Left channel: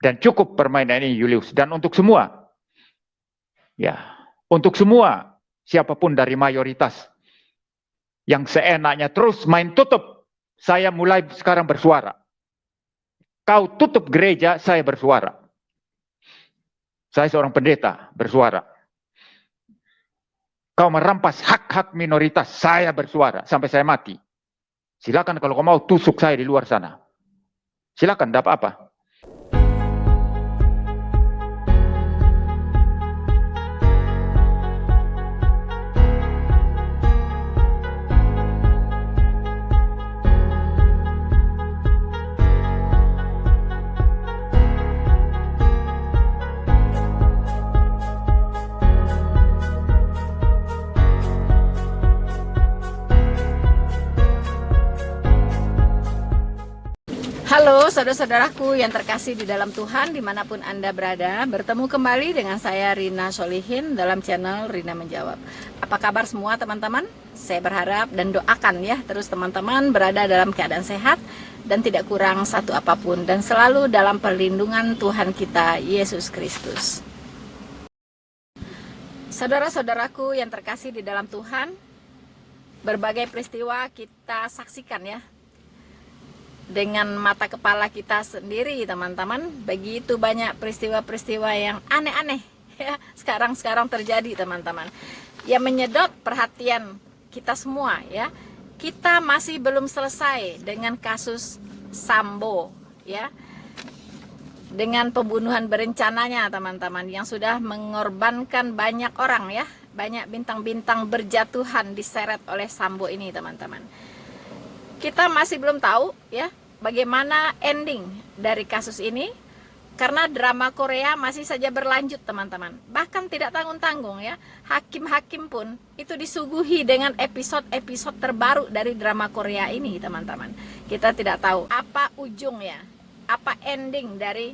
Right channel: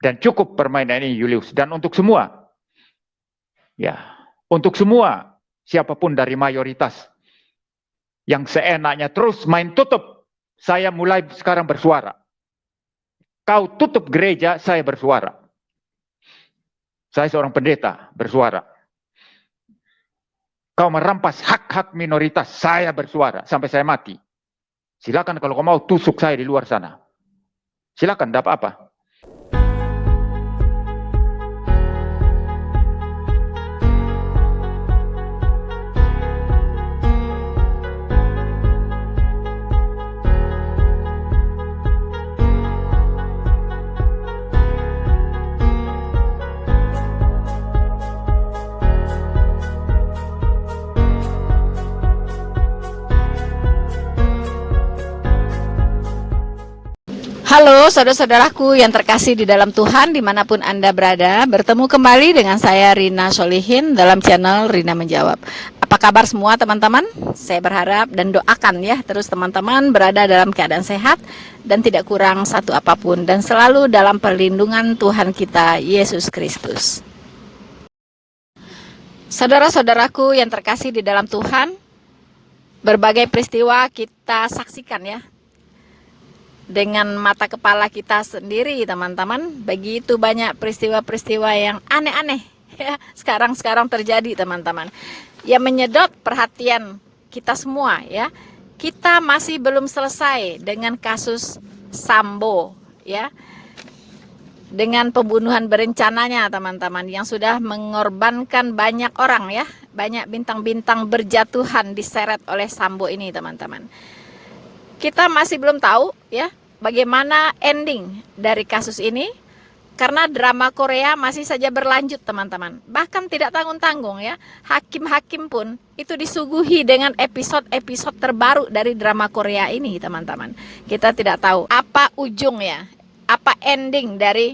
Dan cukup permainan ini, Julius. Dan untuk semua, ya, untuk semua, siapapun dari mayoritas yang seenaknya terus main tutup, saya mulai sekarang bersuara. Kau tutup gereja, saya bersuara. Saya seorang pendeta, bersuara. Kau merampas hak-hak minoritas, saya bersuara sampai saya mati. Silakan kalau kau mau tusuk saya di luar sana. Silakan, tidak apa-apa. Halo saudara-saudaraku yang terkasih di dalam Tuhan dimanapun Anda berada. Bertemu kembali dengan saya Rina Solihin dalam channel Rina Menjawab. Apa kabar semua teman-teman? Saya berharap dan doakan ya terus teman-teman berada dalam keadaan sehat dan tidak kurang satu apapun, dan selalu dalam perlindungan Tuhan kita Yesus Kristus. Saudara-saudaraku yang terkasih di dalam Tuhan, berbagai peristiwa kita saksikan ya dengan mata kepala kita sendiri teman-teman. Begitu banyak peristiwa-peristiwa yang aneh-aneh ya, sekarang terjadi teman-teman, yang menyedot perhatian kita semua ya. Kita masih belum selesai dengan kasus Sambo ya, dengan pembunuhan berencananya teman-teman, yang sudah mengorbankan banyak orang ya, banyak bintang-bintang berjatuhan diseret oleh Sambo ini teman-teman. Kita masih belum tahu ya bagaimana ending dari kasus ini, karena drama Korea masih saja berlanjut teman-teman. Bahkan tidak tanggung-tanggung ya, hakim-hakim pun itu disuguhi dengan episode-episode terbaru dari drama Korea ini teman-teman. Kita tidak tahu apa ujungnya, apa ending dari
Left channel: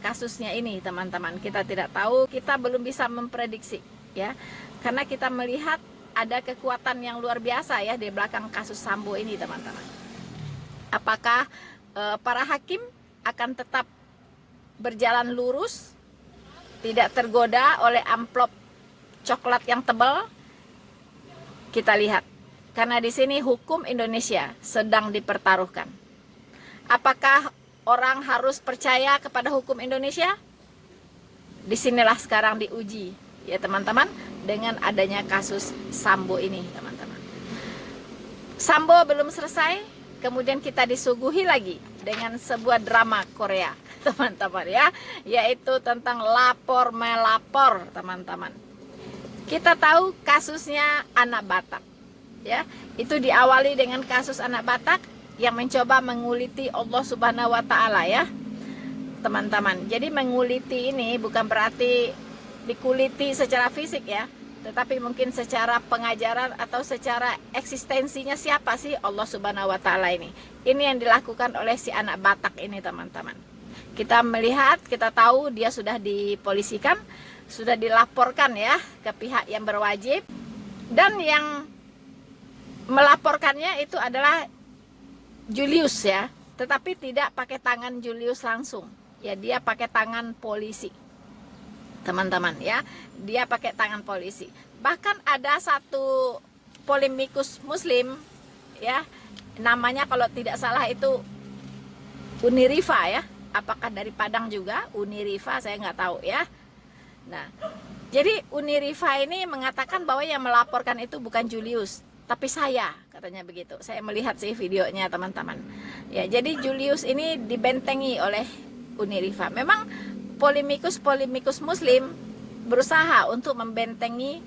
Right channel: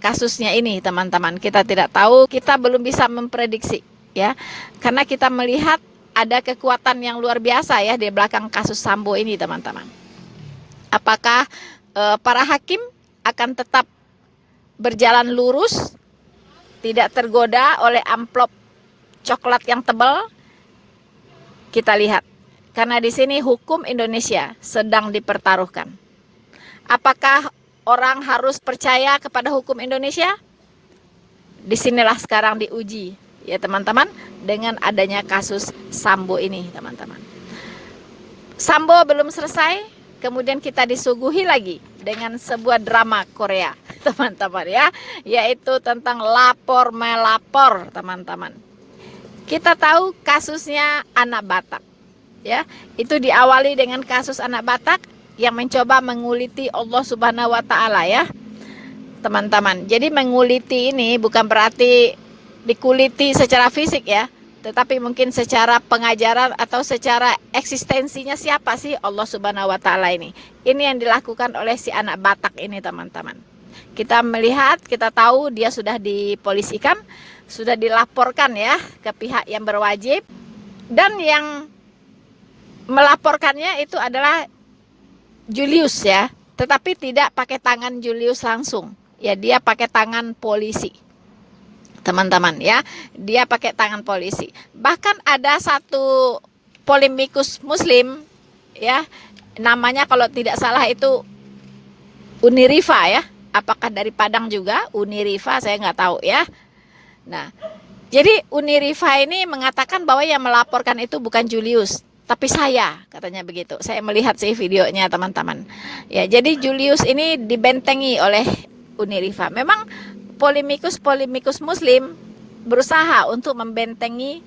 kasusnya ini teman-teman. Kita tidak tahu, kita belum bisa memprediksi ya, karena kita melihat ada kekuatan yang luar biasa ya di belakang kasus Sambo ini teman-teman. Apakah para hakim akan tetap berjalan lurus, tidak tergoda oleh amplop coklat yang tebal? Kita lihat, karena di sini hukum Indonesia sedang dipertaruhkan. Apakah orang harus percaya kepada hukum Indonesia? Disinilah sekarang diuji ya teman-teman, dengan adanya kasus Sambo ini teman-teman. Sambo belum selesai, kemudian kita disuguhi lagi dengan sebuah drama Korea teman-teman ya, yaitu tentang lapor melapor teman-teman. Kita tahu kasusnya anak Batak ya, itu diawali dengan kasus anak Batak yang mencoba menguliti Allah Subhanahu wa Ta'ala ya teman-teman. Jadi menguliti ini bukan berarti dikuliti secara fisik ya, tetapi mungkin secara pengajaran atau secara eksistensinya siapa sih Allah Subhanahu wa Ta'ala ini. Ini yang dilakukan oleh si anak Batak ini teman-teman. Kita melihat, kita tahu dia sudah dipolisikan, sudah dilaporkan ya ke pihak yang berwajib, dan yang melaporkannya itu adalah Julius ya, tetapi tidak pakai tangan Julius langsung ya, dia pakai tangan polisi teman-teman ya, dia pakai tangan polisi. Bahkan ada satu polemikus muslim ya, namanya kalau tidak salah itu Unirifa ya, apakah dari Padang juga Unirifa, saya nggak tahu ya. Nah, jadi Unirifa ini mengatakan bahwa yang melaporkan itu bukan Julius, tapi saya, katanya begitu. Saya melihat sih videonya teman-teman ya. Jadi Julius ini dibentengi oleh Unirifa. Memang polemikus muslim berusaha untuk membentengi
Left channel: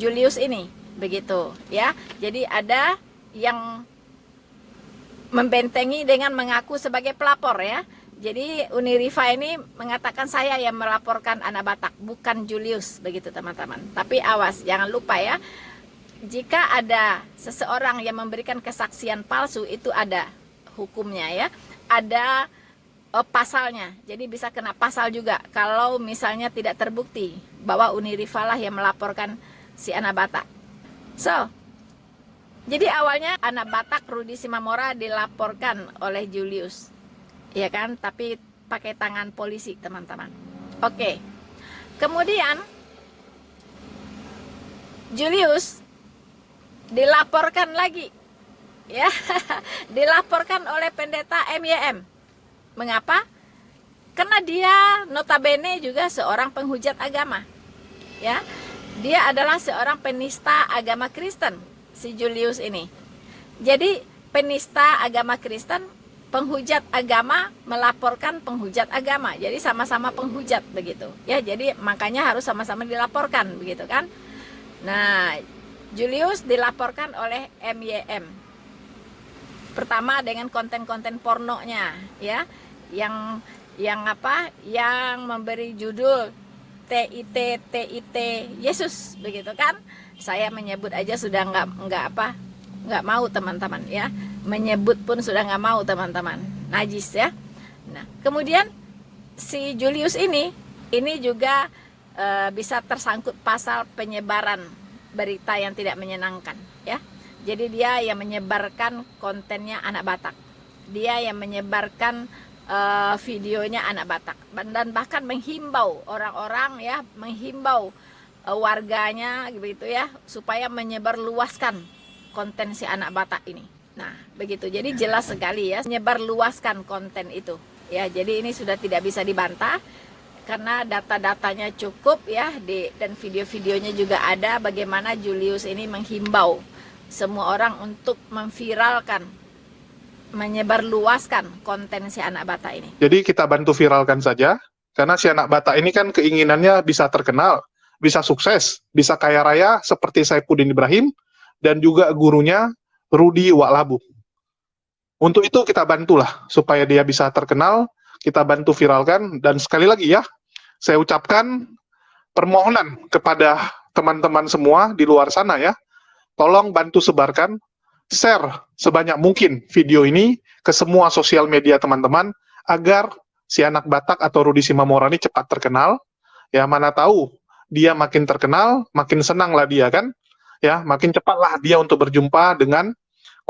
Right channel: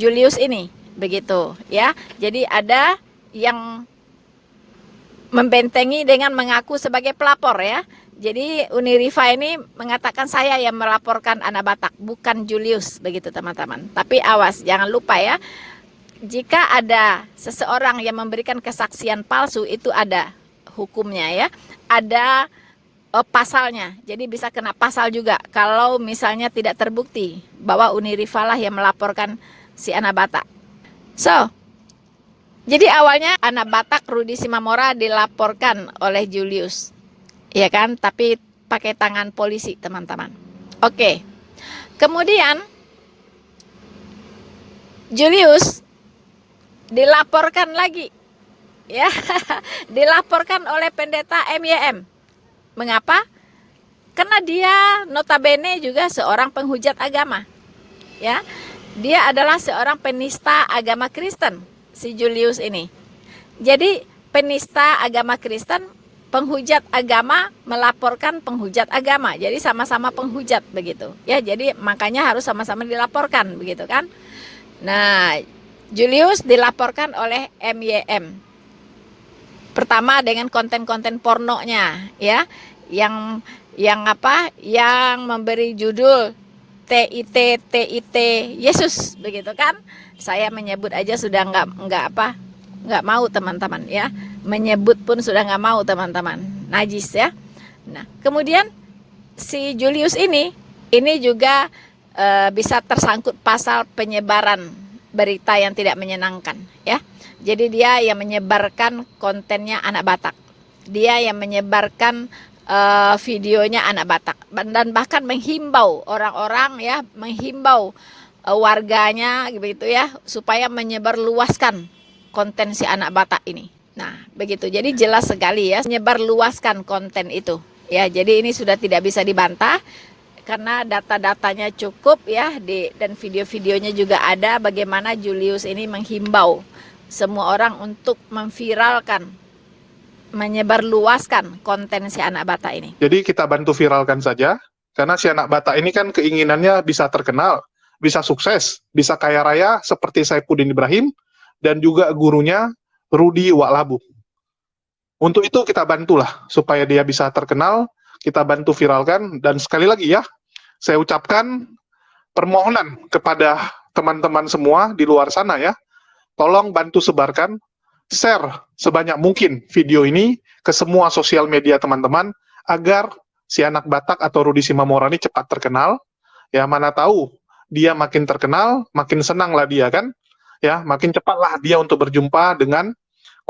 Julius ini begitu ya. Jadi ada yang membentengi dengan mengaku sebagai pelapor ya. Jadi Unirifa ini mengatakan saya yang melaporkan anak Batak, bukan Julius begitu teman-teman. Tapi awas, jangan lupa ya, jika ada seseorang yang memberikan kesaksian palsu itu ada hukumnya ya, ada pasalnya. Jadi bisa kena pasal juga kalau misalnya tidak terbukti bahwa Unirifa lah yang melaporkan si anak Batak. So, jadi awalnya anak Batak Rudi Simamora dilaporkan oleh Julius, ya kan? Tapi pakai tangan polisi, teman-teman. Oke. Kemudian Julius dilaporkan lagi, ya, dilaporkan oleh pendeta MYM. Mengapa? Karena dia notabene juga seorang penghujat agama, ya. Dia adalah seorang penista agama Kristen, si Julius ini. Jadi penista agama Kristen, penghujat agama melaporkan penghujat agama. Jadi sama-sama penghujat begitu. Ya, jadi makanya harus sama-sama dilaporkan begitu kan. Nah, Julius dilaporkan oleh MYM. Pertama dengan konten-konten pornonya, ya. Yang memberi judul TIT Yesus begitu kan. Saya menyebut aja sudah nggak mau, teman-teman, ya. Menyebut pun sudah nggak mau, teman-teman. Najis, ya. Nah, kemudian si Julius ini juga bisa tersangkut pasal penyebaran berita yang tidak menyenangkan, ya. Jadi dia yang menyebarkan kontennya anak Batak. Dia yang menyebarkan videonya anak Batak, dan bahkan menghimbau orang-orang, ya, menghimbau warganya gitu, ya, supaya menyebarluaskan konten si anak Batak ini. Nah, begitu. Jadi jelas sekali, ya, menyebarluaskan konten itu, ya. Jadi ini sudah tidak bisa dibantah karena data-datanya cukup, ya, dan video-videonya juga ada bagaimana Julius ini menghimbau semua orang untuk memviralkan, menyebarluaskan konten si anak Batak ini. Jadi kita bantu viralkan saja, karena si anak Batak ini kan keinginannya bisa terkenal, bisa sukses, bisa kaya raya seperti Saifuddin Ibrahim, dan juga gurunya Rudi Waklabu. Untuk itu kita bantulah, supaya dia bisa terkenal, kita bantu viralkan, dan sekali lagi, ya, saya ucapkan permohonan kepada teman-teman semua di luar sana, ya, tolong bantu sebarkan, share sebanyak mungkin video ini ke semua sosial media teman-teman, agar si anak Batak atau Rudi Simamora ini cepat terkenal. Ya, mana tahu dia makin terkenal, makin senanglah dia kan, ya, makin cepatlah dia untuk berjumpa dengan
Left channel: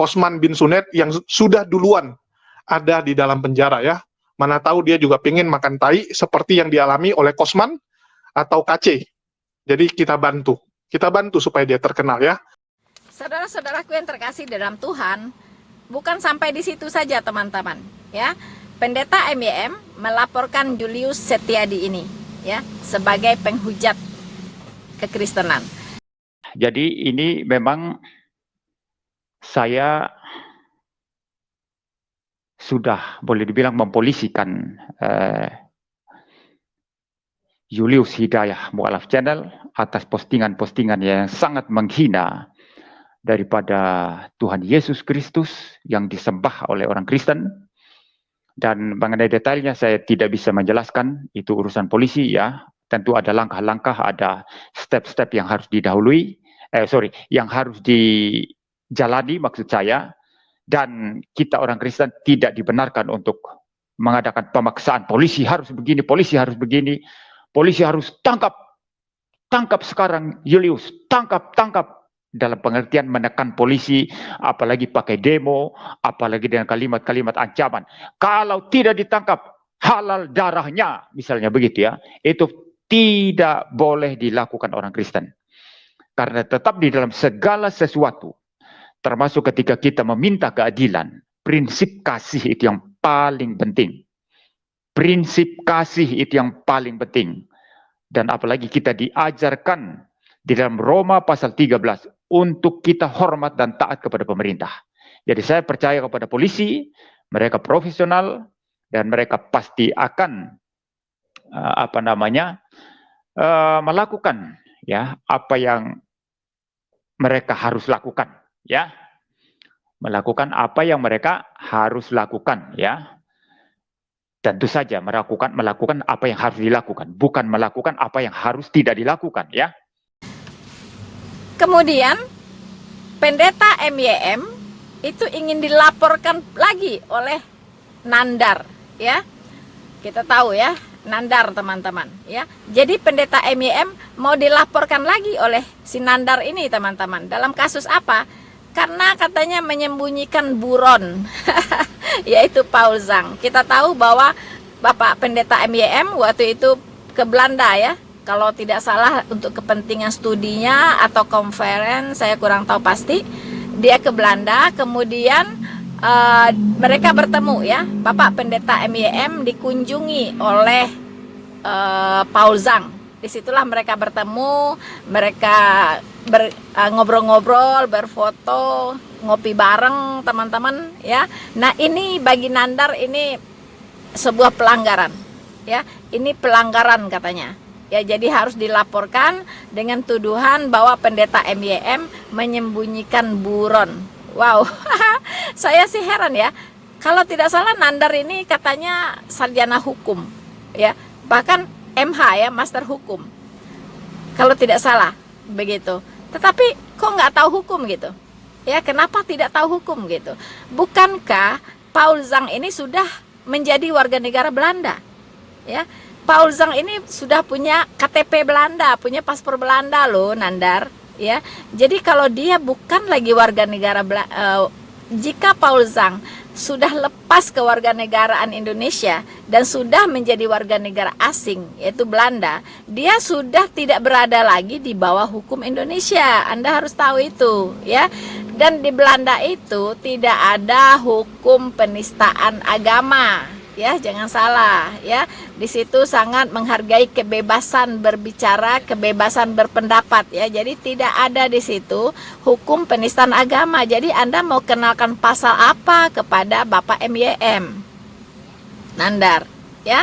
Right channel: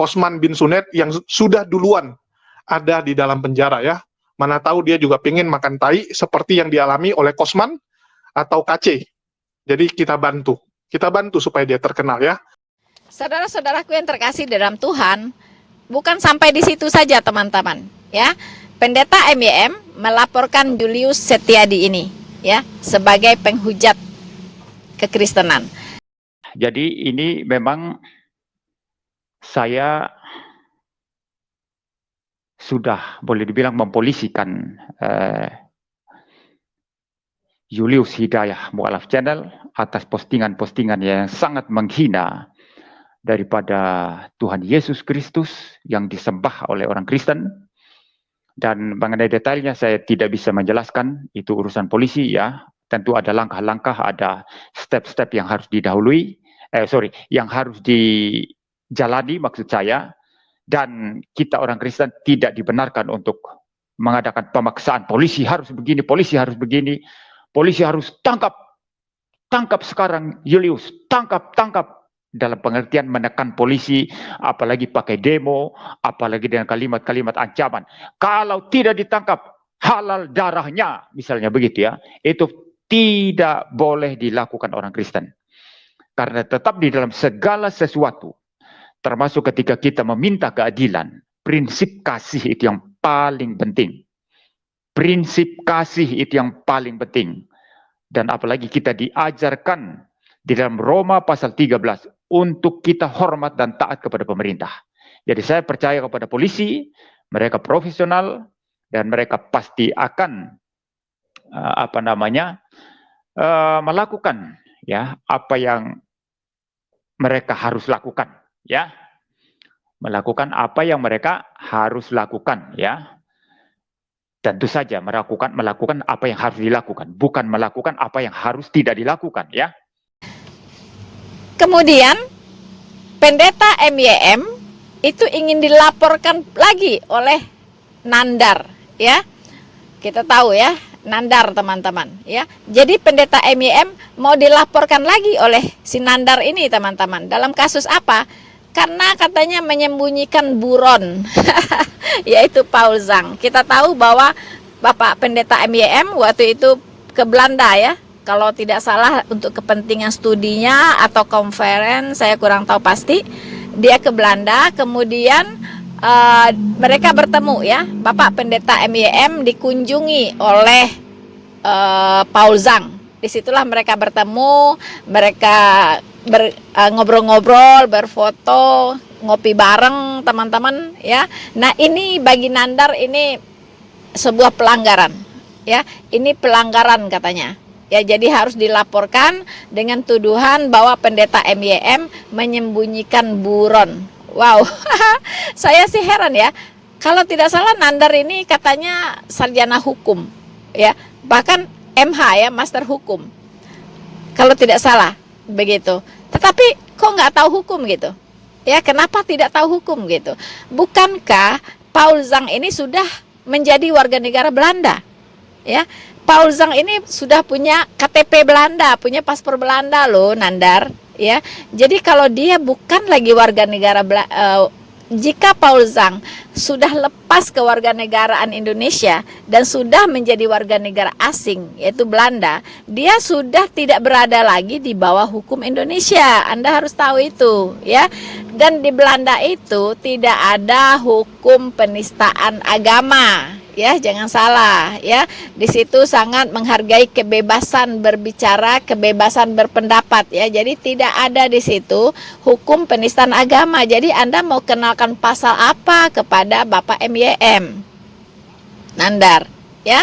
Osman bin Sunet yang sudah duluan ada di dalam penjara, ya. Mana tahu dia juga pengen makan tai seperti yang dialami oleh Kosman atau KC. Jadi kita bantu supaya dia terkenal, ya. Saudara-saudaraku yang terkasih dalam Tuhan, bukan sampai di situ saja, teman-teman, ya. Pendeta MYM melaporkan Julius Setiadi ini, ya, sebagai penghujat kekristenan. Jadi ini memang saya sudah boleh dibilang mempolisikan Julius Hidayah Mu'alaf Channel atas postingan-postingan yang sangat menghina daripada Tuhan Yesus Kristus yang disembah oleh orang Kristen. Dan mengenai detailnya saya tidak bisa menjelaskan, itu urusan polisi, ya. Tentu ada langkah-langkah, ada step-step yang harus yang harus dijalani maksud saya. Dan kita orang Kristen tidak dibenarkan untuk mengadakan pemaksaan. Polisi harus begini, polisi harus begini, polisi harus tangkap sekarang Julius, tangkap. Dalam pengertian menekan polisi, apalagi pakai demo, apalagi dengan kalimat-kalimat ancaman. Kalau tidak ditangkap, halal darahnya, misalnya begitu, ya. Itu tidak boleh dilakukan orang Kristen. Karena tetap di dalam segala sesuatu, termasuk ketika kita meminta keadilan, prinsip kasih itu yang paling penting. Prinsip kasih itu yang paling penting. Dan apalagi kita diajarkan di dalam Roma pasal 13 untuk kita hormat dan taat kepada pemerintah. Jadi saya percaya kepada polisi, mereka profesional dan mereka pasti akan melakukan, ya, apa yang mereka harus lakukan, ya. Melakukan apa yang mereka harus lakukan, ya. Tentu saja melakukan apa yang harus dilakukan, bukan melakukan apa yang harus tidak dilakukan, ya. Kemudian pendeta MYM itu ingin dilaporkan lagi oleh Nandar, ya. Kita tahu, ya, Nandar, teman-teman, ya. Jadi pendeta MYM mau dilaporkan lagi oleh si Nandar ini, teman-teman. Dalam kasus apa? Karena katanya menyembunyikan buron, yaitu Paul Zhang. Kita tahu bahwa Bapak Pendeta MYM waktu itu ke Belanda ya, kalau tidak salah untuk kepentingan studinya atau conference, saya kurang tahu pasti. Dia ke Belanda, kemudian mereka bertemu ya, Bapak Pendeta MYM dikunjungi oleh Paul Zhang. Disitulah mereka bertemu, mereka ngobrol-ngobrol, berfoto, ngopi bareng teman-teman ya. Nah ini bagi Nandar ini sebuah pelanggaran ya, ini pelanggaran katanya ya, jadi harus dilaporkan dengan tuduhan bahwa Pendeta MYM menyembunyikan buron. Wow. Saya sih heran ya, kalau tidak salah Nandar ini katanya sarjana hukum ya, bahkan MH ya, Master Hukum kalau tidak salah begitu, tetapi kok nggak tahu hukum gitu ya, kenapa tidak tahu hukum gitu? Bukankah Paul Zhang ini sudah menjadi warga negara Belanda ya, Paul Zhang ini sudah punya KTP Belanda, punya paspor Belanda loh Nandar ya. Jadi kalau dia bukan lagi warga negara jika Paul Zhang sudah lepas kewarganegaraan Indonesia dan sudah menjadi warga negara asing yaitu Belanda, dia sudah tidak berada lagi di bawah hukum Indonesia. Anda harus tahu itu ya. Dan di Belanda itu tidak ada hukum penistaan agama. Ya, jangan salah ya. Di situ sangat menghargai kebebasan berbicara, kebebasan berpendapat ya. Jadi tidak ada di situ hukum penistaan agama. Jadi Anda mau kenalkan pasal apa kepada Bapak MYM Nandar ya?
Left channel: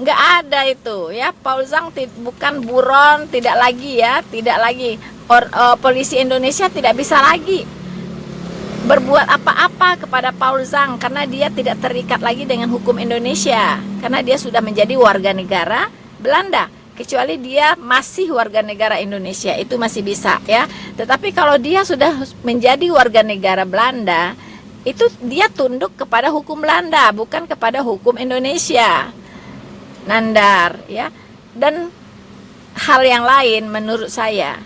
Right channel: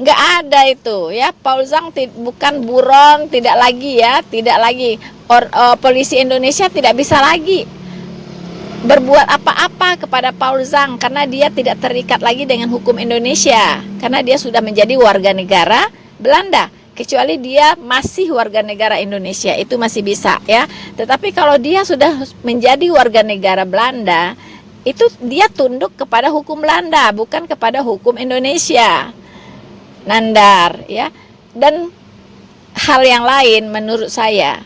Nggak ada itu ya. Paul Zhang bukan buron, tidak lagi ya, tidak lagi. Polisi Indonesia tidak bisa lagi berbuat apa-apa kepada Paul Zhang karena dia tidak terikat lagi dengan hukum Indonesia karena dia sudah menjadi warga negara Belanda, kecuali dia masih warga negara Indonesia itu masih bisa ya. Tetapi kalau dia sudah menjadi warga negara Belanda, itu dia tunduk kepada hukum Belanda bukan kepada hukum Indonesia Nandar ya. Dan hal yang lain menurut saya,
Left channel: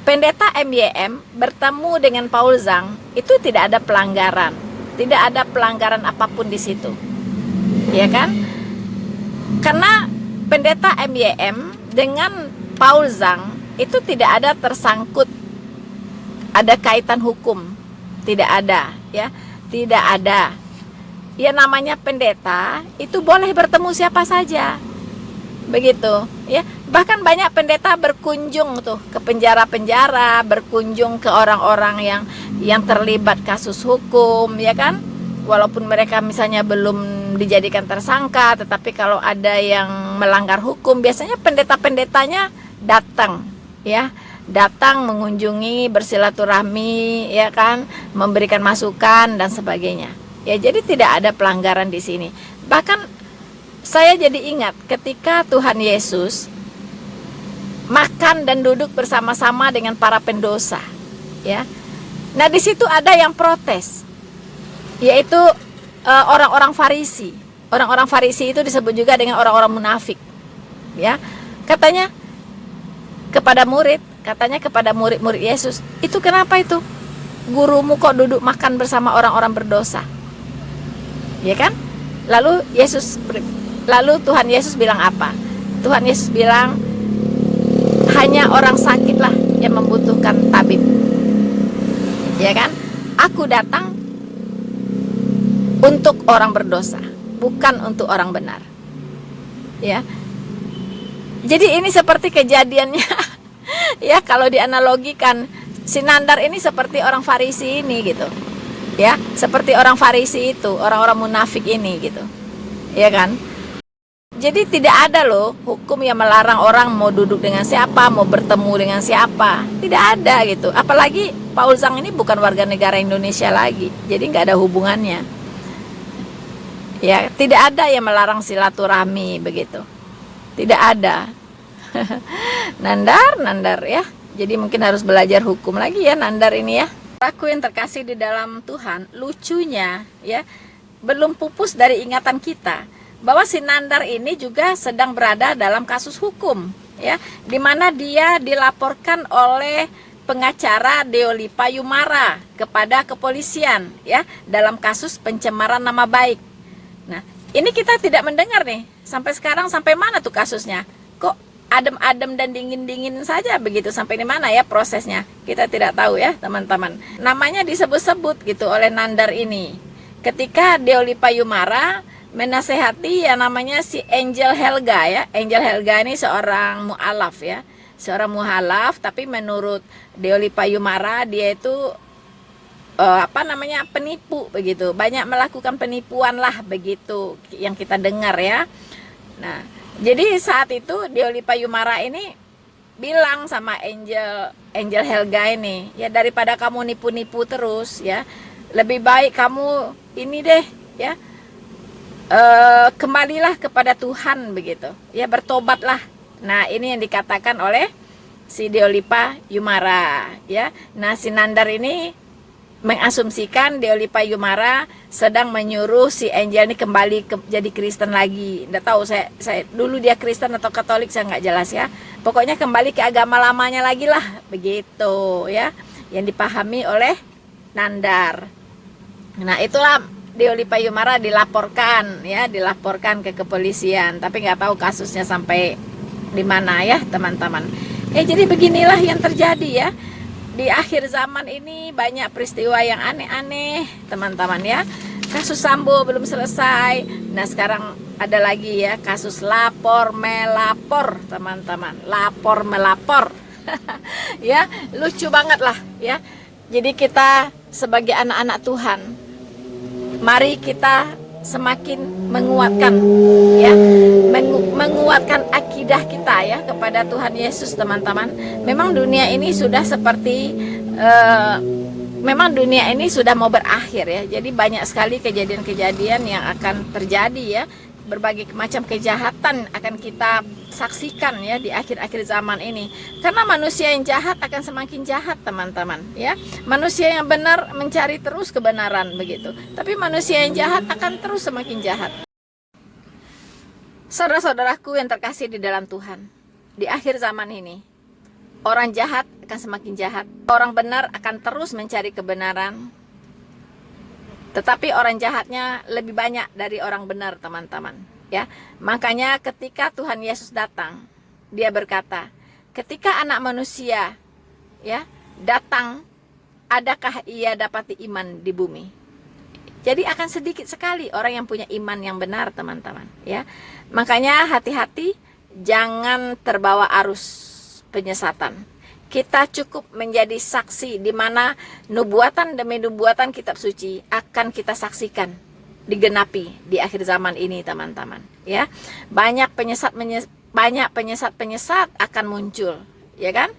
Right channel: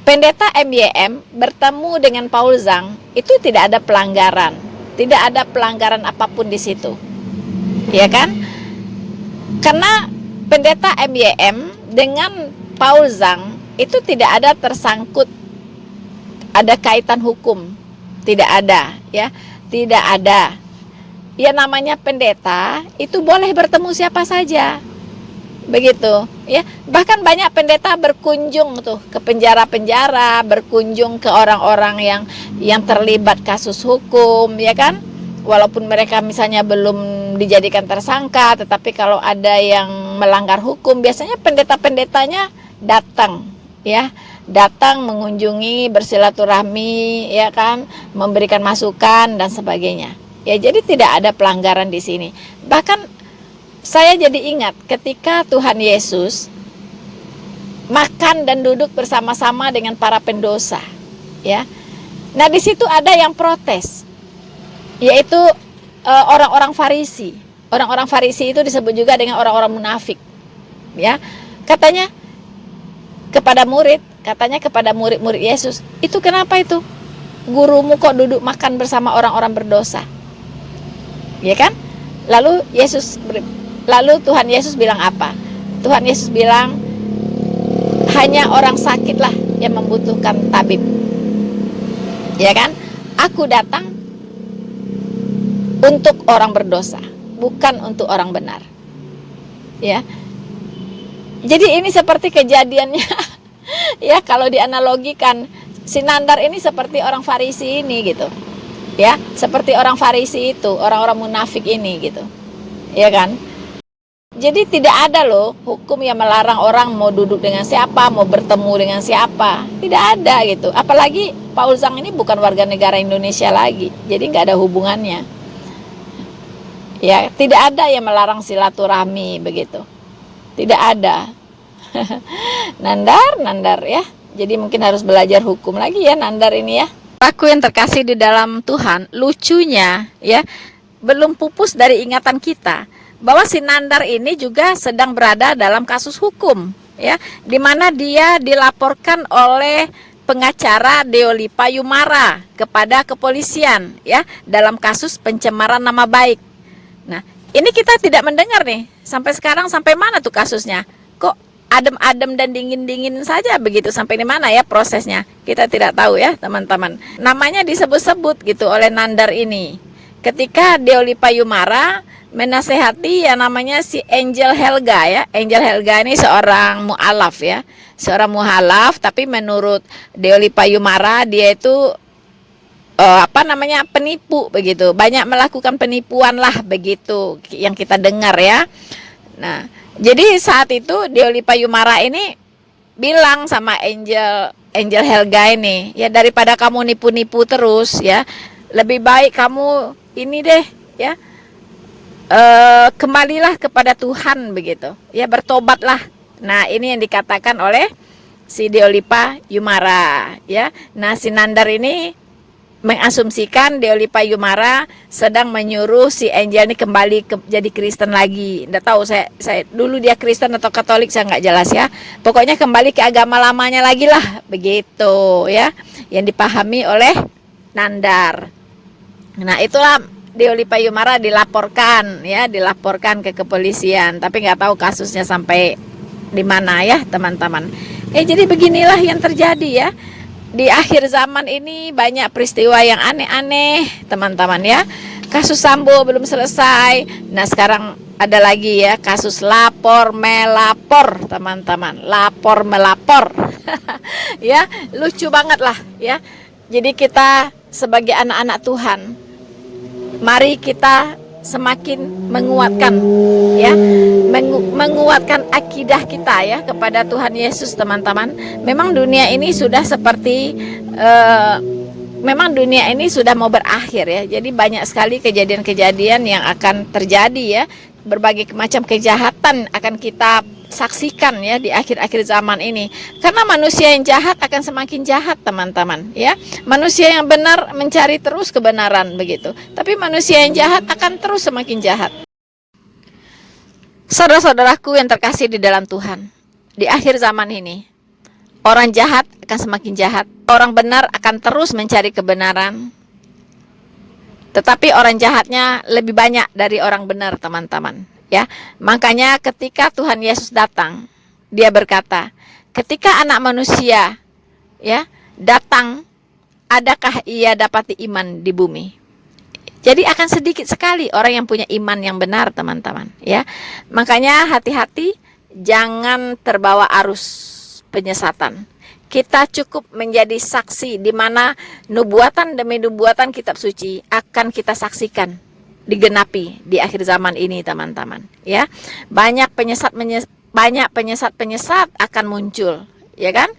Pendeta MYM bertemu dengan Paul Zhang itu tidak ada pelanggaran, tidak ada pelanggaran apapun di situ, ya kan? Karena Pendeta MYM dengan Paul Zhang itu tidak ada tersangkut, ada kaitan hukum, tidak ada, ya, tidak ada. Ya namanya pendeta itu boleh bertemu siapa saja. Begitu ya, bahkan banyak pendeta berkunjung tuh ke penjara-penjara, berkunjung ke orang-orang yang terlibat kasus hukum ya kan, walaupun mereka misalnya belum dijadikan tersangka, tetapi kalau ada yang melanggar hukum biasanya pendeta-pendetanya datang ya, datang mengunjungi, bersilaturahmi ya kan, memberikan masukan dan sebagainya ya. Jadi tidak ada pelanggaran di sini. Bahkan saya jadi ingat ketika Tuhan Yesus makan dan duduk bersama-sama dengan para pendosa, ya. Nah di situ ada yang protes, yaitu orang-orang Farisi. Orang-orang Farisi itu disebut juga dengan orang-orang munafik, ya. Katanya kepada murid-murid Yesus, itu kenapa itu gurumu kok duduk makan bersama orang-orang berdosa, ya kan? Lalu Tuhan Yesus bilang apa? Tuhan Yesus bilang, hanya orang sakitlah yang membutuhkan tabib. Ya kan? Aku datang untuk orang berdosa, bukan untuk orang benar. Ya. Jadi ini seperti kejadiannya. Ya, kalau dianalogikan, si Nandar ini seperti orang Farisi ini gitu. Ya, seperti orang Farisi itu, orang-orang munafik ini gitu. Ya kan? Jadi tidak ada loh hukum yang melarang orang mau duduk dengan siapa, mau bertemu dengan siapa. Tidak ada gitu. Apalagi Paul Zhang ini bukan warga negara Indonesia lagi. Jadi nggak ada hubungannya. Ya, tidak ada yang melarang silaturahmi begitu. Tidak ada. Nandar ya. Jadi mungkin harus belajar hukum lagi ya Nandar ini ya. Aku yang terkasih di dalam Tuhan, lucunya ya, belum pupus dari ingatan kita bahwa si Nandar ini juga sedang berada dalam kasus hukum ya, di mana dia dilaporkan oleh pengacara Deolipa Yumara kepada kepolisian ya dalam kasus pencemaran nama baik. Nah, Ini kita tidak mendengar nih. Sampai sekarang sampai mana tuh kasusnya? Kok adem-adem dan dingin-dingin saja begitu, sampai di mana ya prosesnya? Kita tidak tahu ya, teman-teman. Namanya disebut-sebut gitu oleh Nandar ini. Ketika Deoli Payumara menasehati yang namanya si Angel Helga ya. Angel Helga ini seorang mu'alaf ya. Seorang mu'alaf, tapi menurut Deoli Payumara dia itu penipu begitu, banyak melakukan penipuan lah begitu yang kita dengar ya. Nah, jadi saat itu Deoli Payumara ini bilang sama Angel Helga ini, ya daripada kamu nipu-nipu terus ya, lebih baik kamu ini deh ya, kembalilah kepada Tuhan begitu ya, bertobatlah. Nah, ini yang dikatakan oleh si Deoli Payumara ya. Nah, si Nandar ini mengasumsikan Deoli Payumara sedang menyuruh si Angel ini kembali jadi Kristen lagi. Nggak tahu saya dulu dia Kristen atau Katolik, saya nggak jelas ya. Pokoknya kembali ke agama lamanya lagi lah, begitu ya, yang dipahami oleh Nandar. Nah, itulah Deoli Payumara dilaporkan ke kepolisian, tapi nggak tahu kasusnya sampai di mana ya, teman-teman. Jadi beginilah yang terjadi ya. Di akhir zaman ini banyak peristiwa yang aneh-aneh, teman-teman ya. Kasus Sambo belum selesai. Nah, sekarang ada lagi ya, kasus lapor melapor, teman-teman. Lapor melapor. Ya, lucu banget lah ya. Jadi kita sebagai anak-anak Tuhan, mari kita semakin menguatkan ya, menguatkan akidah kita ya kepada Tuhan Yesus, teman-teman. Memang dunia ini sudah seperti memang dunia ini sudah mau berakhir ya. Jadi banyak sekali kejadian-kejadian yang akan terjadi ya. Berbagai macam kejahatan akan kita saksikan ya di akhir-akhir zaman ini. Karena manusia yang jahat akan semakin jahat, teman-teman ya. Manusia yang benar mencari terus kebenaran begitu. Tapi manusia yang jahat akan terus semakin jahat. Saudara-saudaraku yang terkasih di dalam Tuhan, di akhir zaman ini orang jahat akan semakin jahat. Orang benar akan terus mencari kebenaran. Tetapi orang jahatnya lebih banyak dari orang benar, teman-teman ya. Makanya ketika Tuhan Yesus datang, dia berkata, ketika anak manusia ya datang, adakah ia dapati iman di bumi? Jadi akan sedikit sekali orang yang punya iman yang benar, teman-teman ya. Makanya hati-hati, jangan terbawa arus penyesatan. Kita cukup menjadi saksi di mana nubuatan demi nubuatan kitab suci akan kita saksikan digenapi di akhir zaman ini, teman-teman ya. Banyak penyesat akan muncul ya kan.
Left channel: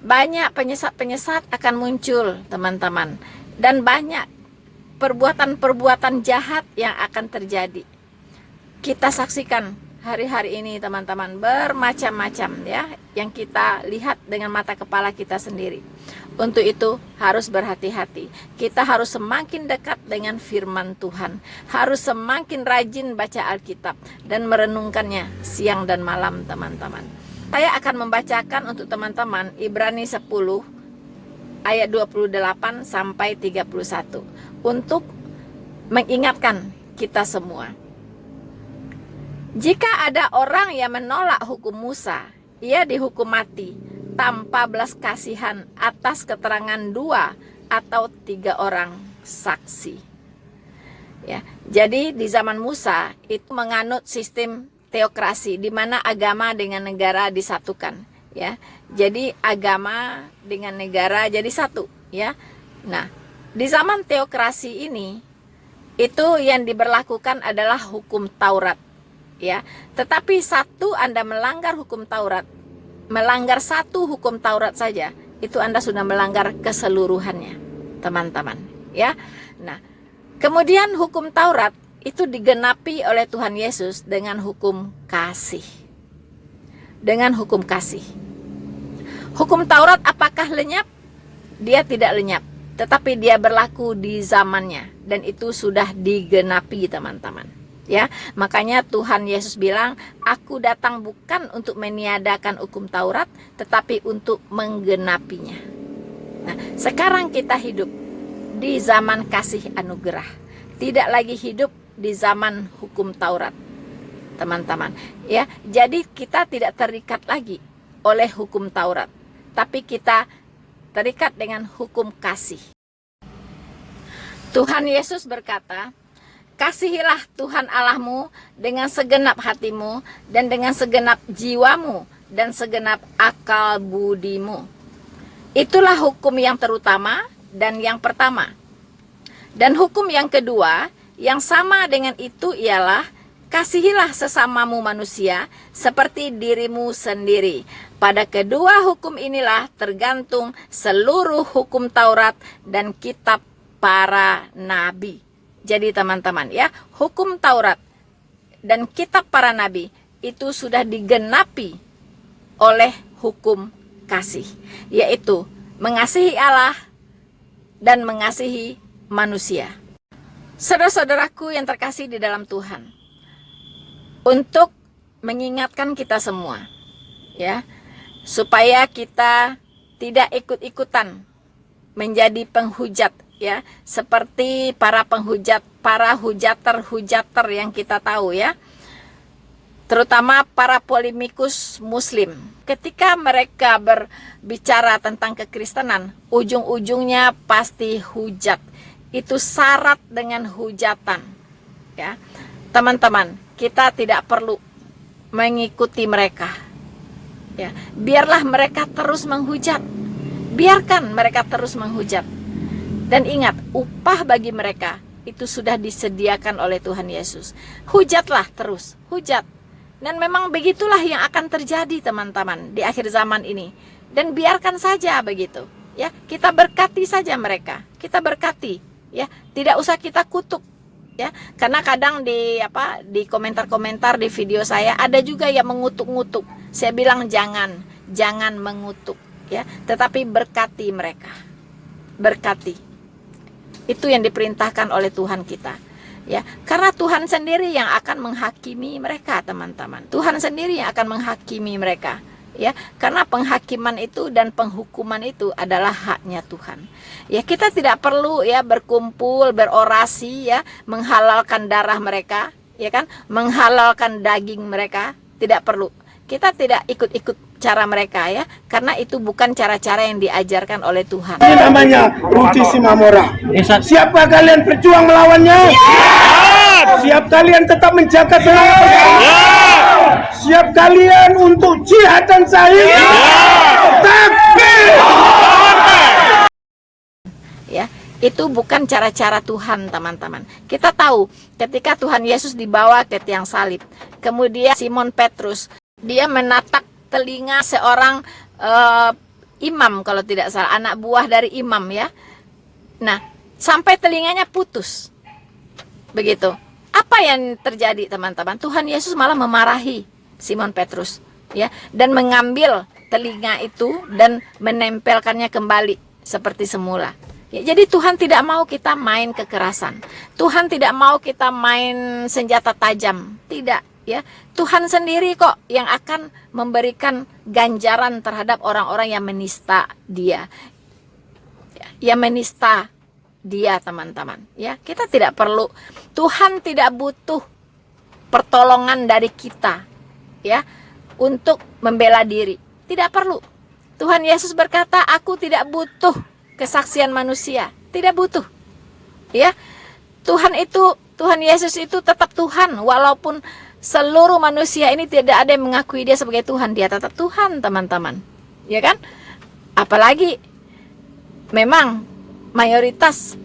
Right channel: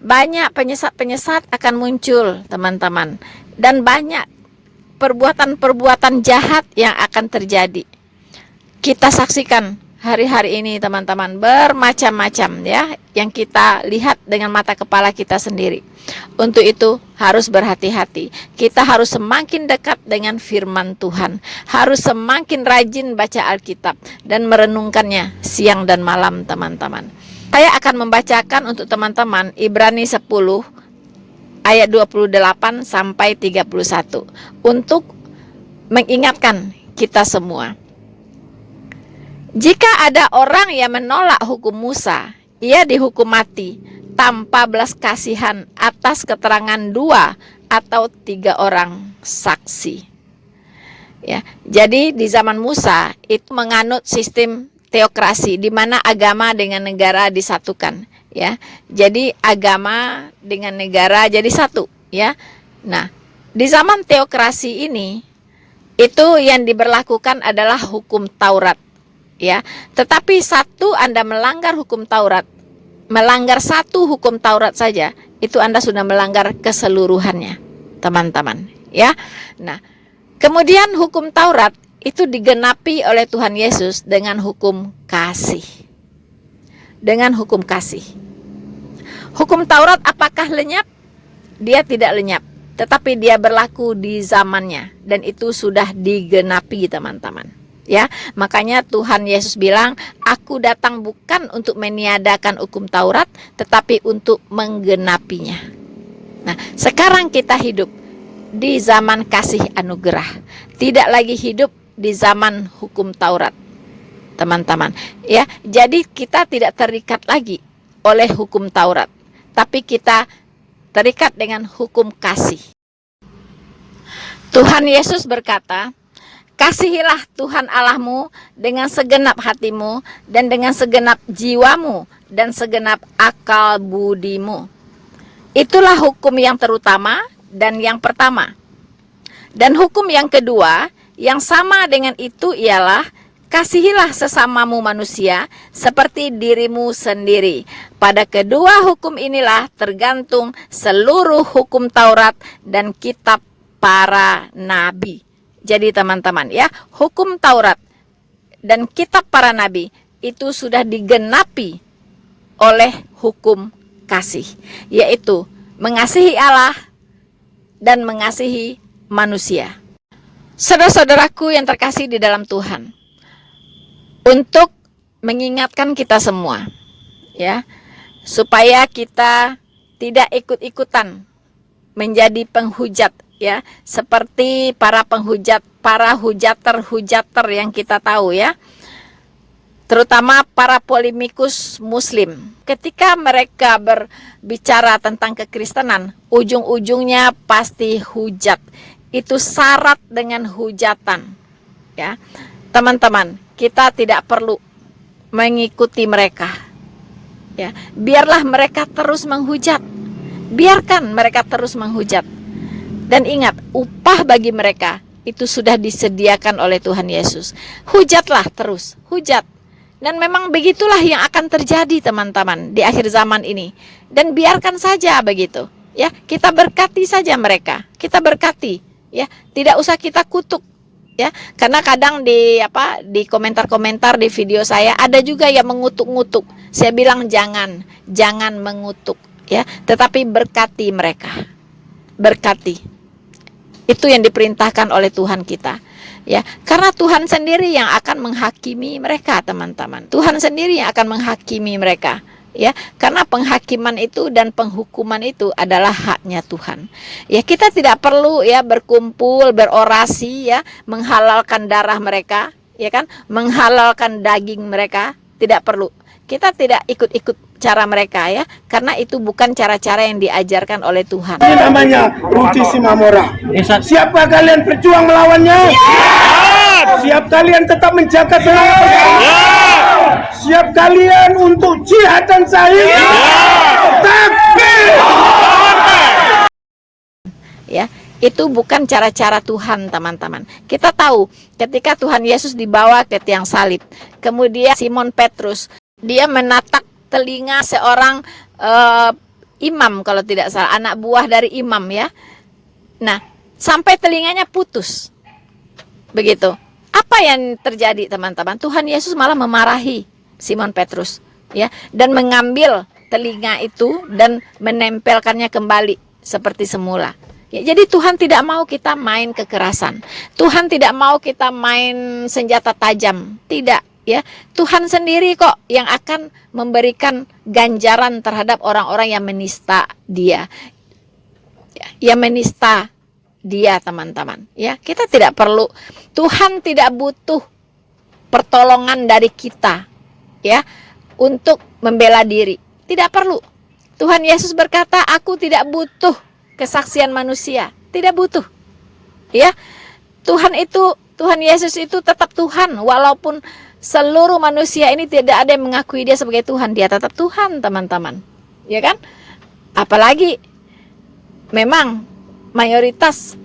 Banyak penyesat akan muncul, teman-teman, dan banyak perbuatan-perbuatan jahat yang akan terjadi. Kita saksikan hari-hari ini, teman-teman, bermacam-macam ya yang kita lihat dengan mata kepala kita sendiri. Untuk itu harus berhati-hati. Kita harus semakin dekat dengan firman Tuhan, harus semakin rajin baca Alkitab dan merenungkannya siang dan malam, teman-teman. Saya akan membacakan untuk teman-teman Ibrani 10 ayat 28 sampai 31 untuk mengingatkan kita semua. Jika ada orang yang menolak hukum Musa, ia dihukum mati tanpa belas kasihan atas keterangan 2 atau 3 orang saksi. Ya, jadi di zaman Musa itu menganut sistem teokrasi di mana agama dengan negara disatukan. Ya, jadi agama dengan negara jadi satu. Ya, nah di zaman teokrasi ini itu yang diberlakukan adalah hukum Taurat. Ya, tetapi satu Anda melanggar hukum Taurat, melanggar satu hukum Taurat saja, itu Anda sudah melanggar keseluruhannya, teman-teman ya. Nah, kemudian hukum Taurat itu digenapi oleh Tuhan Yesus dengan hukum kasih. Dengan hukum kasih. Hukum Taurat apakah lenyap? Dia tidak lenyap, tetapi dia berlaku di zamannya dan itu sudah digenapi, teman-teman. Ya, makanya Tuhan Yesus bilang, aku datang bukan untuk meniadakan hukum Taurat, tetapi untuk menggenapinya. Nah, sekarang kita hidup di zaman kasih anugerah. Tidak lagi hidup di zaman hukum Taurat, teman-teman. Ya, jadi kita tidak terikat lagi oleh hukum Taurat, tapi kita terikat dengan hukum kasih. Tuhan Yesus berkata, kasihilah Tuhan Allahmu dengan segenap hatimu dan dengan segenap jiwamu dan segenap akal budimu. Itulah hukum yang terutama dan yang pertama. Dan hukum yang kedua yang sama dengan itu ialah kasihilah sesamamu manusia seperti dirimu sendiri. Pada kedua hukum inilah tergantung seluruh hukum Taurat dan kitab para nabi. Jadi teman-teman ya, hukum Taurat dan kitab para nabi itu sudah digenapi oleh hukum kasih, yaitu mengasihi Allah dan mengasihi manusia. Saudara-saudaraku yang terkasih di dalam Tuhan, untuk mengingatkan kita semua ya, supaya kita tidak ikut-ikutan menjadi penghujat ya, seperti para hujater yang kita tahu ya, terutama para polemikus muslim. Ketika mereka berbicara tentang kekristenan, ujung-ujungnya pasti hujat. Itu syarat dengan hujatan ya. Teman-teman, kita tidak perlu mengikuti mereka ya. Biarlah mereka terus menghujat, biarkan mereka terus menghujat. Dan ingat, upah bagi mereka itu sudah disediakan oleh Tuhan Yesus. Hujatlah terus, hujat. Dan memang begitulah yang akan terjadi teman-teman di akhir zaman ini. Dan biarkan saja begitu ya. Kita berkati saja mereka, kita berkati ya, tidak usah kita kutuk ya. Karena kadang di komentar-komentar di video saya ada juga yang mengutuk-ngutuk. Saya bilang jangan mengutuk ya, tetapi berkati mereka. Berkati. Itu yang diperintahkan oleh Tuhan kita ya, karena Tuhan sendiri yang akan menghakimi mereka, teman-teman. Tuhan sendiri yang akan menghakimi mereka ya, karena penghakiman itu dan penghukuman itu adalah haknya Tuhan ya. Kita tidak perlu ya berkumpul berorasi ya, menghalalkan darah mereka ya kan, menghalalkan daging mereka, tidak perlu. Kita tidak ikut-ikut cara mereka ya, karena itu bukan cara-cara yang diajarkan oleh Tuhan. Ini namanya Ruti Simamora. Siapa kalian berjuang melawannya? Siap kalian tetap menjaga keselamatan? Siap kalian untuk jihad dan sahih? Takbir! Ya, itu bukan cara-cara Tuhan, teman-teman. Kita tahu ketika Tuhan Yesus dibawa ke tiang salib, kemudian Simon Petrus dia menatak telinga seorang imam, kalau tidak salah, anak buah dari imam ya. Nah, sampai telinganya putus. Begitu. Apa yang terjadi, teman-teman? Tuhan Yesus malah memarahi Simon Petrus ya, dan mengambil telinga itu dan menempelkannya kembali seperti semula. Ya, jadi Tuhan tidak mau kita main kekerasan. Tuhan tidak mau kita main senjata tajam. Tidak. Ya, Tuhan sendiri kok yang akan memberikan ganjaran terhadap orang-orang yang menista Dia. Yang menista Dia, teman-teman. Ya, kita tidak perlu. Tuhan tidak butuh pertolongan dari kita ya untuk membela diri. Tidak perlu. Tuhan Yesus berkata, "Aku tidak butuh kesaksian manusia." Tidak butuh. Ya. Tuhan Yesus itu tetap Tuhan, walaupun seluruh manusia ini tidak ada yang mengakui Dia sebagai Tuhan. Dia tetap Tuhan, teman-teman. Ya kan? Apalagi memang mayoritas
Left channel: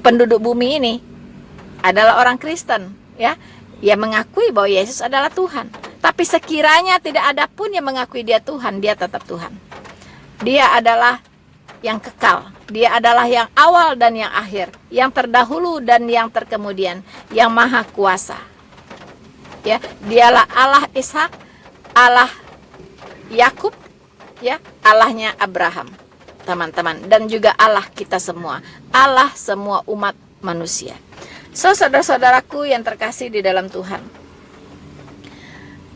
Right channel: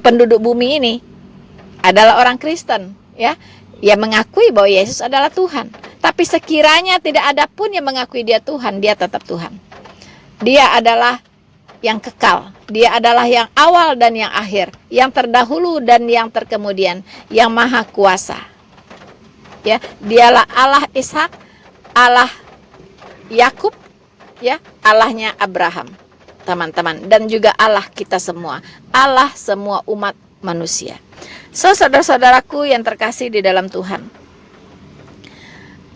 penduduk bumi ini adalah orang Kristen, ya. Yang mengakui bahwa Yesus adalah Tuhan. Tapi sekiranya tidak ada pun yang mengakui Dia Tuhan, Dia tetap Tuhan. Dia adalah yang kekal. Dia adalah yang awal dan yang akhir, yang terdahulu dan yang terkemudian, yang maha kuasa. Ya, Dialah Allah Ishak, Allah Yakub, ya, Allahnya Abraham, teman-teman, dan juga Allah kita semua, Allah semua umat manusia. Saudara-saudaraku yang terkasih di dalam Tuhan.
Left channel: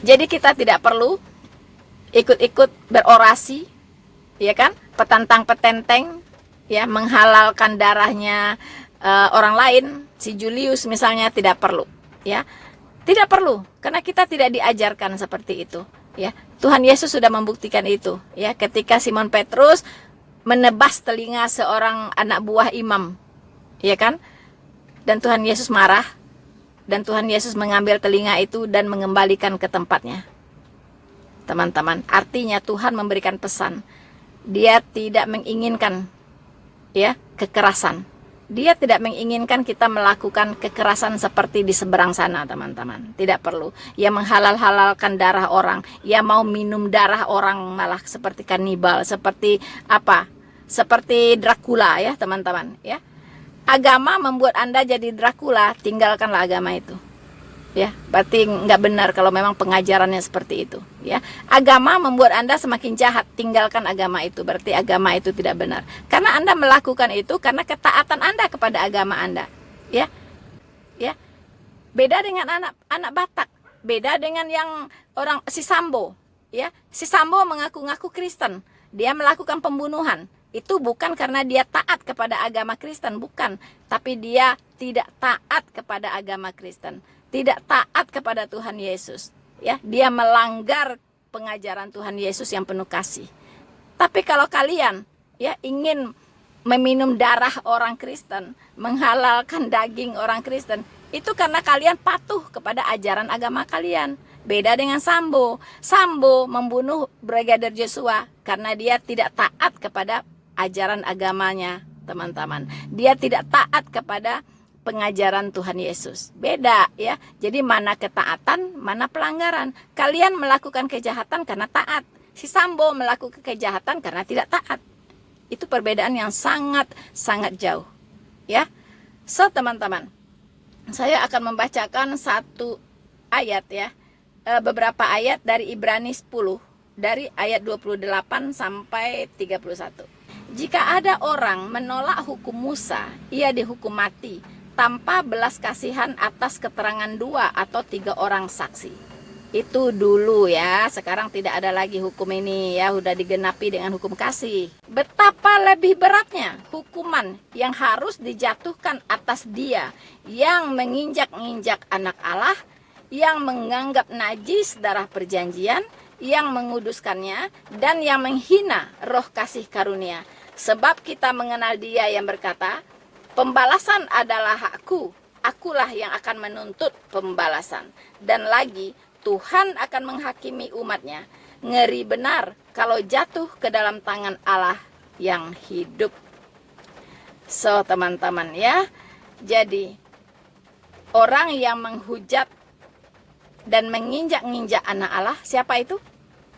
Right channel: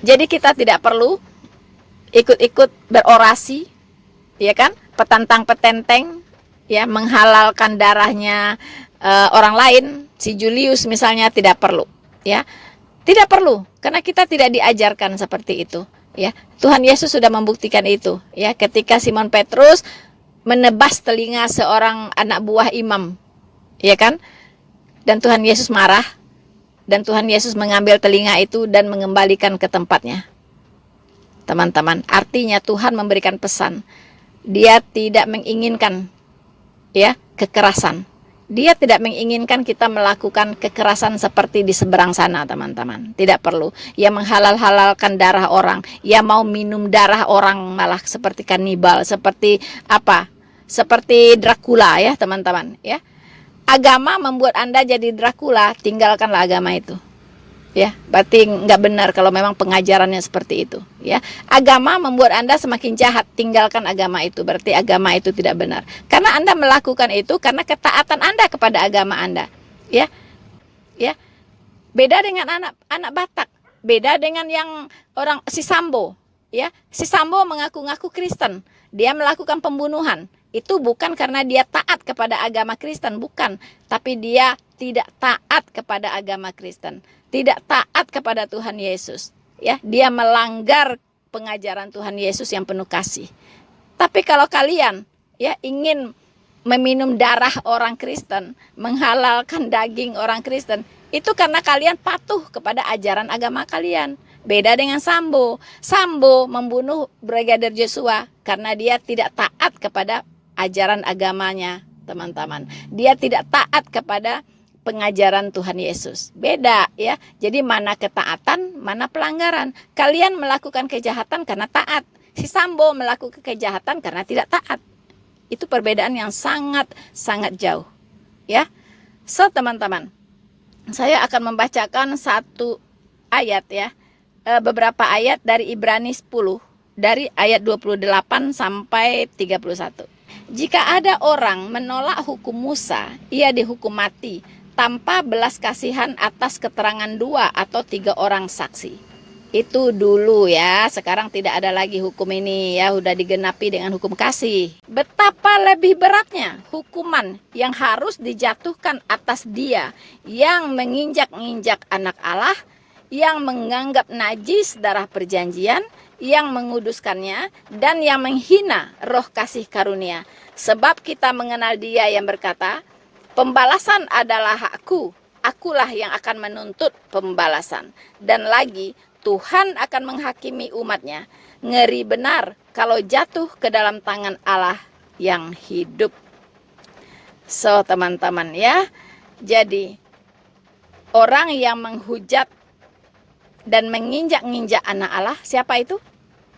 Jadi kita tidak perlu ikut-ikut berorasi, ya kan? Petantang petenteng ya, menghalalkan darahnya orang lain, si Julius misalnya, tidak perlu, ya. Tidak perlu, karena kita tidak diajarkan seperti itu, ya. Tuhan Yesus sudah membuktikan itu, ya, ketika Simon Petrus menebas telinga seorang anak buah imam, ya kan? Dan Tuhan Yesus marah, dan Tuhan Yesus mengambil telinga itu dan mengembalikan ke tempatnya. Teman-teman, artinya Tuhan memberikan pesan. Dia tidak menginginkan, ya, kekerasan. Dia tidak menginginkan kita melakukan kekerasan seperti di seberang sana, teman-teman. Tidak perlu. Ia menghalal-halalkan darah orang. Ia mau minum darah orang, malah seperti kanibal, seperti apa? Seperti Dracula, ya, teman-teman, ya. Agama membuat Anda jadi Dracula, tinggalkanlah agama itu. Ya, berarti nggak benar kalau memang pengajarannya seperti itu, ya. Agama membuat Anda semakin jahat, tinggalkan agama itu, berarti agama itu tidak benar. Karena Anda melakukan itu karena ketaatan Anda kepada agama Anda, ya. Ya. Beda dengan anak Batak, beda dengan yang orang si Sambo, ya. Si Sambo mengaku-ngaku Kristen, dia melakukan pembunuhan. Itu bukan karena dia taat kepada agama Kristen, bukan, tapi dia tidak taat kepada agama Kristen. Tidak taat kepada Tuhan Yesus, ya. Dia melanggar pengajaran Tuhan Yesus yang penuh kasih. Tapi kalau kalian, ya, ingin meminum darah orang Kristen, menghalalkan daging orang Kristen, itu karena kalian patuh kepada ajaran agama kalian. Beda dengan Sambo. Sambo membunuh Brigadir Joshua karena dia tidak taat kepada ajaran agamanya, teman-teman. Dia tidak taat kepada pengajaran Tuhan Yesus. Beda, ya. Jadi mana ketaatan, mana pelanggaran. Kalian melakukan kejahatan karena taat. Si Sambo melakukan kejahatan karena tidak taat. Itu perbedaan yang sangat jauh, ya. So, teman-teman, saya akan membacakan satu ayat, ya. Beberapa ayat dari Ibrani 10 dari ayat 28 sampai 31. Jika ada orang menolak hukum Musa, ia dihukum mati tanpa belas kasihan atas keterangan 2 atau 3 orang saksi. Itu dulu, ya. Sekarang tidak ada lagi hukum ini, ya. Udah digenapi dengan hukum kasih. Betapa lebih beratnya hukuman yang harus dijatuhkan atas dia yang menginjak-injak anak Allah, yang menganggap najis darah perjanjian, yang menguduskannya, dan yang menghina roh kasih karunia. Sebab kita mengenal dia yang berkata, pembalasan adalah hakku, akulah yang akan menuntut pembalasan. Dan lagi, Tuhan akan menghakimi umatnya. Ngeri benar kalau jatuh ke dalam tangan Allah yang hidup. So, teman-teman, ya. Jadi, orang yang menghujat dan menginjak-injak anak Allah, siapa itu?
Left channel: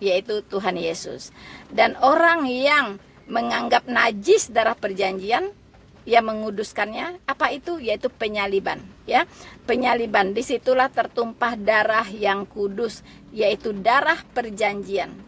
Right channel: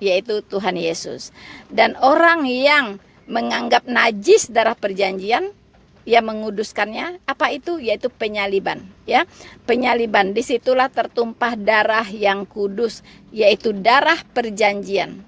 Yaitu Tuhan Yesus. Dan orang yang menganggap najis darah perjanjian, ia menguduskannya, apa itu? Yaitu penyaliban, ya. Penyaliban, disitulah tertumpah darah yang kudus, yaitu darah perjanjian,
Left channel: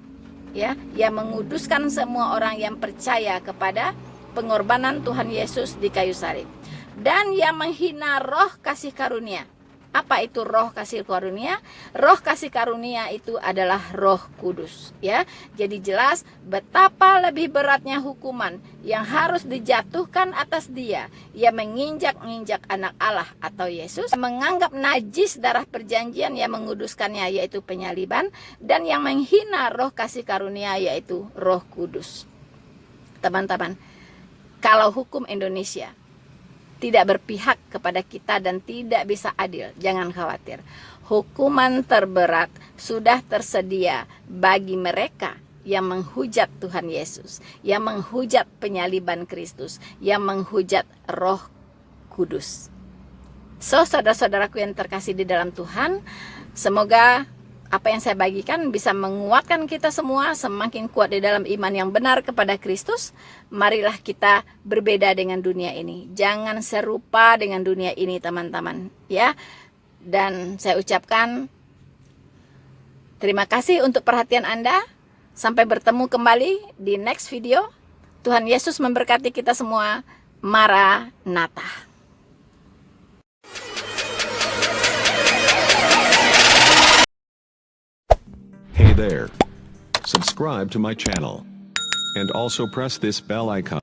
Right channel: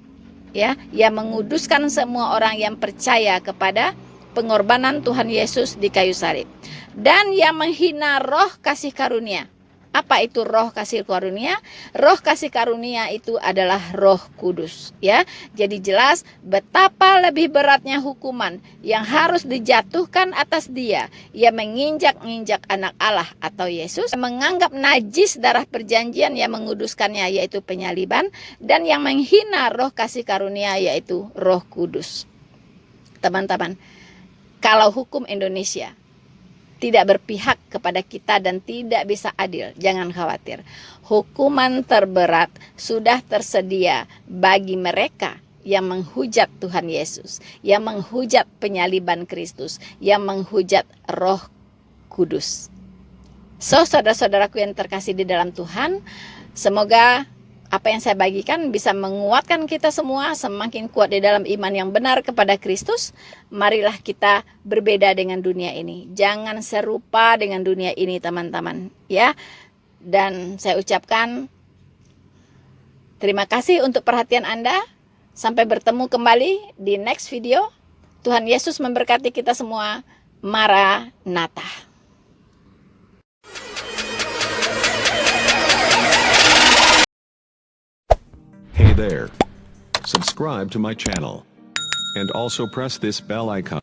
ya. Ia menguduskan semua orang yang percaya kepada pengorbanan Tuhan Yesus di kayu salib. Dan yang menghina roh kasih karunia. Apa itu roh kasih karunia? Roh kasih karunia itu adalah Roh Kudus, ya. Jadi jelas betapa lebih beratnya hukuman yang harus dijatuhkan atas dia yang menginjak-injak anak Allah atau Yesus, menganggap najis darah perjanjian yang menguduskannya yaitu penyaliban, dan yang menghina roh kasih karunia yaitu Roh Kudus. Teman-teman, kalau hukum Indonesia tidak berpihak kepada kita dan tidak bisa adil, jangan khawatir. Hukuman terberat sudah tersedia bagi mereka yang menghujat Tuhan Yesus, yang menghujat penyaliban Kristus, yang menghujat Roh Kudus. So, saudara-saudaraku yang terkasih di dalam Tuhan, semoga apa yang saya bagikan bisa menguatkan kita semua semakin kuat di dalam iman yang benar kepada Kristus. Marilah kita berbeda dengan dunia ini. Jangan serupa dengan dunia ini, teman-teman, ya. Dan saya ucapkan terima kasih untuk perhatian Anda. Sampai bertemu kembali di next video. Tuhan Yesus memberkati kita semua. Maranatha. Hey there. Subscribe to my channel. And also press this bell icon.